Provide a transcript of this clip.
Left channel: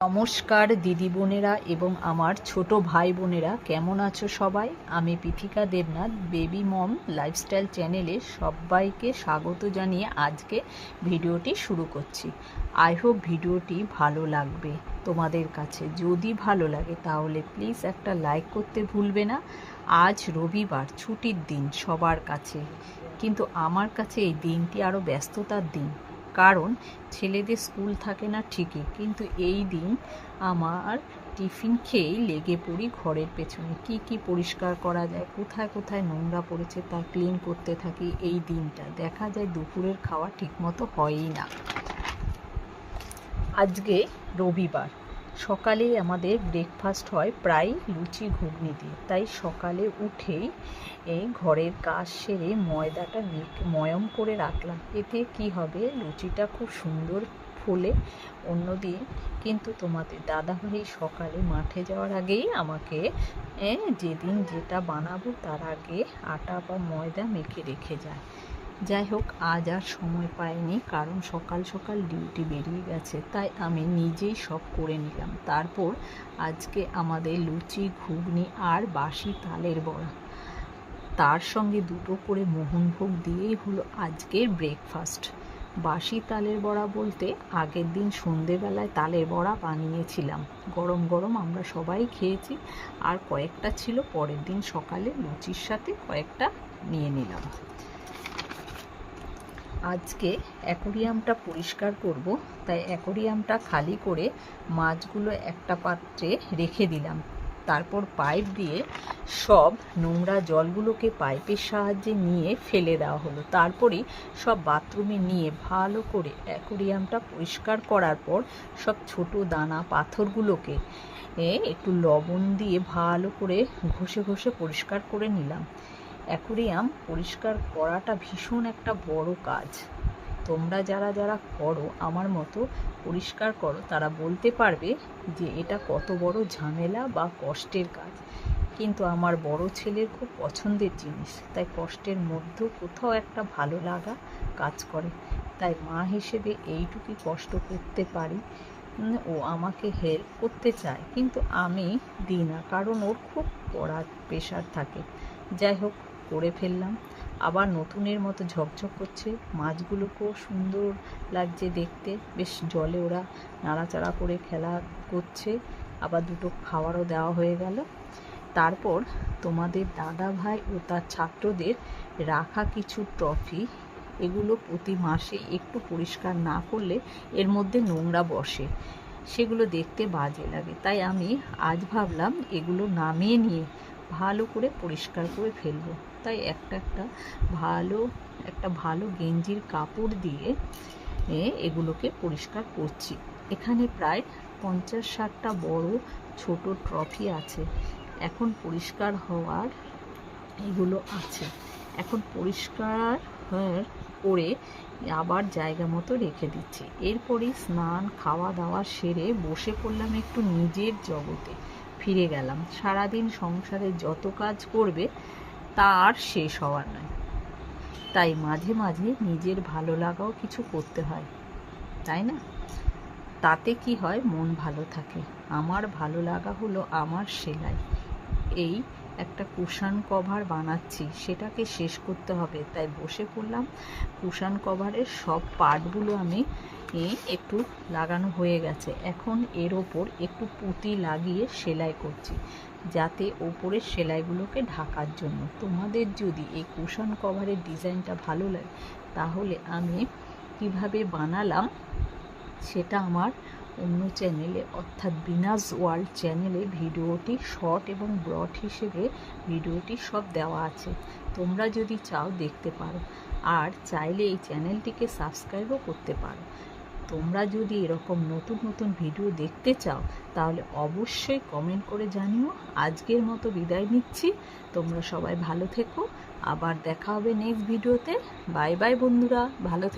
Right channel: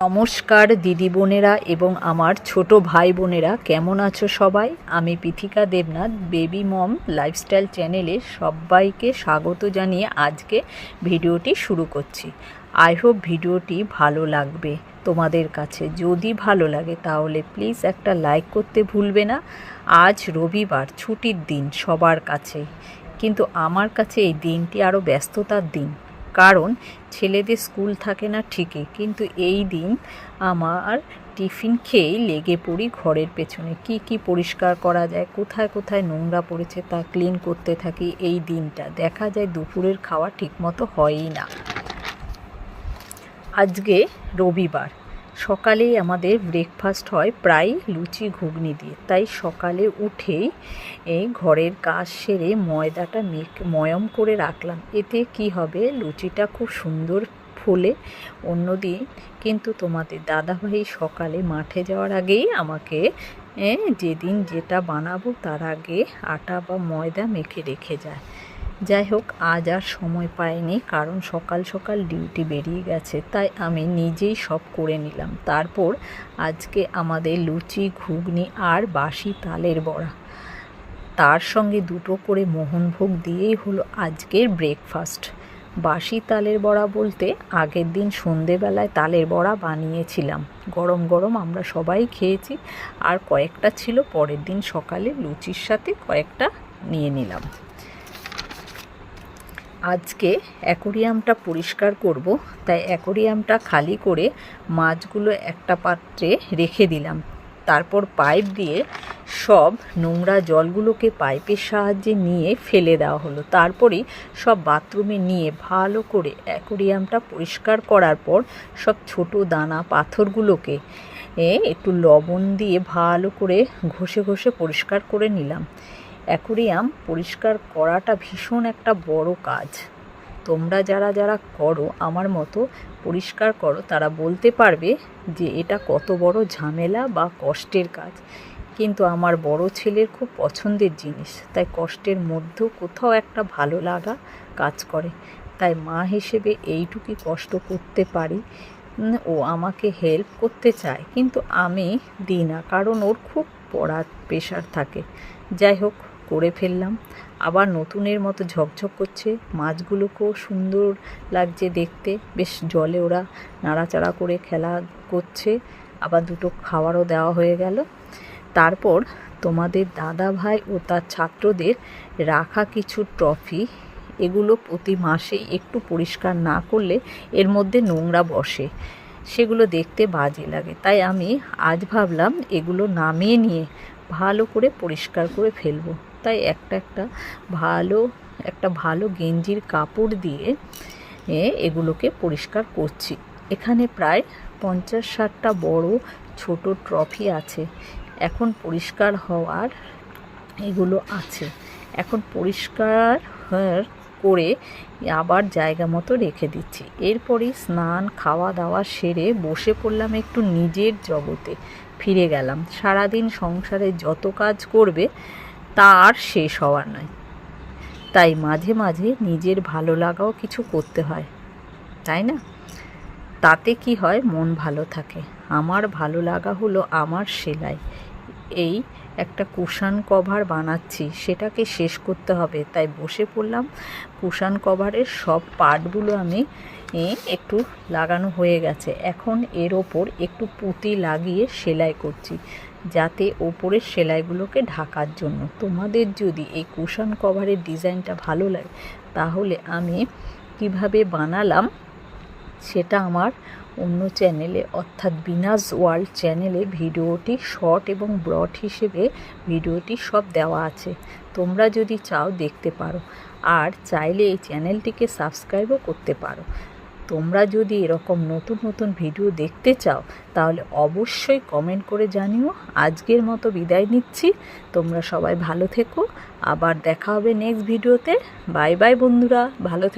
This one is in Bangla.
নমস্কার দিদি বোনেরা এবং আমার ছোট ভাই বোনেরা, কেমন আছো সবাই? আমি পৃথিকা দেবনাথ বেবি মম লাইফস্টাইল চ্যানেলে সবাইকে স্বাগত জানিয়ে আজকে ভিডিওটি শুরু করছি। আই হোপ ভিডিওটি ভালো লাগবে তোমাদের কাছে। যদি ভালো লাগে তাহলে প্লিজ একটা লাইক করতে ভুলবে না। আজ রবিবার, ছুটির দিন সবার কাছে, কিন্তু আমার কাছে এই দিনটি আরও ব্যস্ততার দিন। কারণ ছেলেদের স্কুল থাকে না ঠিকই, কিন্তু এই দিন আমার টিফিন খেয়েই লেগে পড়ি ঘরের পেছনে। কি পরিষ্কার করা যায়, কোথায় কোথায় নোংরা পড়েছে তা ক্লিন করতে থাকি। এই দিনটা দেখা যায় দুপুরের খাওয়া ঠিকমতো হয়ই না। আজকে রবিবার, সকালেই আমাদের ব্রেকফাস্ট হয় প্রায় লুচি ঘুগনি দিয়ে। তাই সকালে উঠেই এই ঘরের কাজ সেরে ময়দাটা ময়ম করে রাখলাম। এতে কি হবে, লুচিটা খুব সুন্দর ফোলে। অন্যদিন কিন্তু তোমাদের দাদাভাই সকালে মাঠে যাওয়ার আগেই আমাকে যেদিন যেটা বানাবো তার আগে আটা বা ময়দা মেখে রেখে যায়। যাই হোক, আজ আর সময় পাইনি, কারণ সকাল সকাল ডিউটি বেরিয়ে গেছে। তাই আমি নিজেই সব করে নিলাম। তারপর আজকে আমাদের লুচি ঘুগনি আর বাসি তালের বড়া, তার সঙ্গে দুটো করে মোহনভোগ দিয়েই হলো আজকের ব্রেকফাস্ট। বাসি তালের বড়া বলতে আগের দিন সন্ধেবেলায় তালের বড়া বানিয়েছিলাম, গরম গরম আমরা সবাই খেয়েছি। আর কয়েকটা ছিল পরের দিন সকালে লুচির সাথে কয়েকটা নিয়ে নিলাম। আজকে অ্যাকোরিয়ামটা পরিষ্কার করব, তাই অ্যাকোরিয়ামটা খালি করে মাছগুলো একটা পাত্রে রেখে দিলাম। তারপর পাইপ দিয়ে সব নোংরা জলগুলোকে পাইপের সাহায্যে নিয়ে ফেলে দেওয়া হলো। তারপরেই সব বাথরুমে নিয়ে ভালো করে অ্যাকোরিয়ামটা পরিষ্কার করার পর সব ছোট দানা পাথরগুলোকে একটু লবণ দিয়ে ভালো করে ঘষে ঘষে পরিষ্কার করে নিলাম। অ্যাকোরিয়াম পরিষ্কার করাটা ভীষণ একটা বড় কাজ। তোমরা যারা যারা করো, আমার মতো পরিষ্কার করো, তারা বলতে পারবে যে এটা কত বড় ঝামেলা বা কষ্টের কাজ। কিন্তু আমার বড় ছেলের খুব পছন্দের জিনিস, তাই কষ্টের মধ্যেও কোথাও একটা ভালো লাগা কাজ করে। তাই মা হিসেবে এইটুকুই কষ্ট করতে পারি। ও আমাকে হেল্প করতে চায়, কিন্তু আমি দিই না, কারণ ওর খুব পড়ার প্রেশার থাকে। যাই হোক, করে ফেললাম। আবার নতুনের মতো ঝকঝক করছে, মাছগুলোকেও সুন্দর লাগছে দেখতে। বেশ জলে ওরা নাড়াচাড়া করে খেলা করছে। আবার দুটো খাবারও দেওয়া হয়ে গেল। তারপর তোমাদের দাদা ভাই ও তার ছাত্রদের রাখা কিছু ট্রফি, এগুলো প্রতি মাসেই একটু পরিষ্কার না করলে এর মধ্যে নোংরা বসে, সেগুলো দেখতে বাজে লাগে। তাই আমি আজ ভাবলাম এগুলো নামিয়ে নিয়ে ভালো করে পরিষ্কার করে ফেলবো। তাই একটা ভালো গেঞ্জির কাপড় দিয়ে এগুলোকে পরিষ্কার করছি। এখানে প্রায় 50-60টা বড় ছোট ট্রফি আছে। এখন পরিষ্কার হওয়ার এগুলো আছে, এখন পরিষ্কার করে আবার জায়গা মতো রেখে দিচ্ছি। এরপরই স্নান খাওয়া দাওয়া সেরে বসে পড়লাম, একটু নিজের জগতে ফিরে গেলাম। সারাদিন সংসারে যত কাজ করবে তা আর শেষ হওয়ার নয়। তাই মাঝে মাঝে নিজের ভালো লাগাও কিছু করতে হয়, তাই না? তাতে কি হয়, মন ভালো থাকে। আমার ভালো লাগা হলো আমার সেলাই। এই একটা কুশন কভার বানাচ্ছি, সেটাকে শেষ করতে হবে, তাই বসে পড়লাম। কুশন কভারের সব পার্টগুলো আমি একটু লাগানো হয়ে গেছে। এখন এর ওপর একটু পুঁতি লাগিয়ে সেলাই করছি, যাতে ওপরের সেলাইগুলোকে ঢাকার জন্য। তোমাদের যদি এই কুশন কভারের ডিজাইনটা ভালো লাগে, তাহলে আমি কিভাবে বানালাম সেটা আমার অন্য চ্যানেলে, অর্থাৎ বিনাজ ওয়ার্ল্ড চ্যানেলে ভিডিওটি শর্ট এবং ব্রড হিসেবে ভিডিওটি সব দেওয়া আছে। তোমরা যদি চাও দেখতে পারো, আর চাইলে এই চ্যানেলটিকে সাবস্ক্রাইবও করতে পারো। তোমরা যদি এরকম নতুন নতুন ভিডিও দেখতে চাও তাহলে অবশ্যই কমেন্ট করে জানিও। আজকের মতো বিদায় নিচ্ছি, তোমরা সবাই ভালো থেকো। আবার দেখা হবে নেক্সট ভিডিওতে। বাই বাই বন্ধুরা, ভালো থেকো।